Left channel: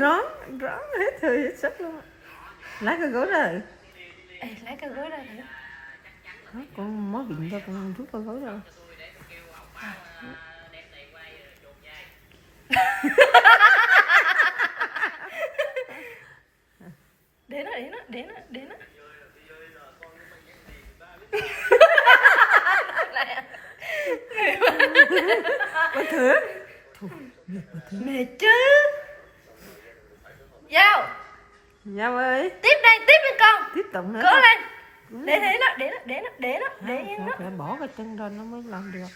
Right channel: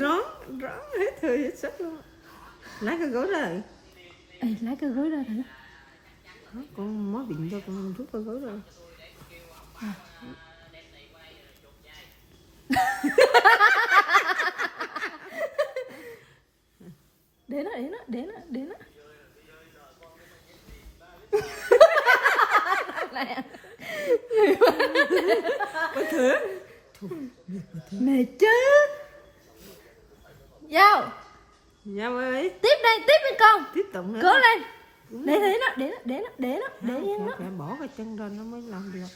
rón hết hơi hết sức luôn. Lấy cái gối ra. Ê, lấy cái gối ra thử. Đó, con mới bệnh cho con rút cái gối ra. Để nó. Bà thử. Mệt chứ. Giao. Giao ơi. Tiếp đây con. Tiếp tục nữa. Cố lên. Để nó. Phải bỏ cái chân ra nó mới làm được.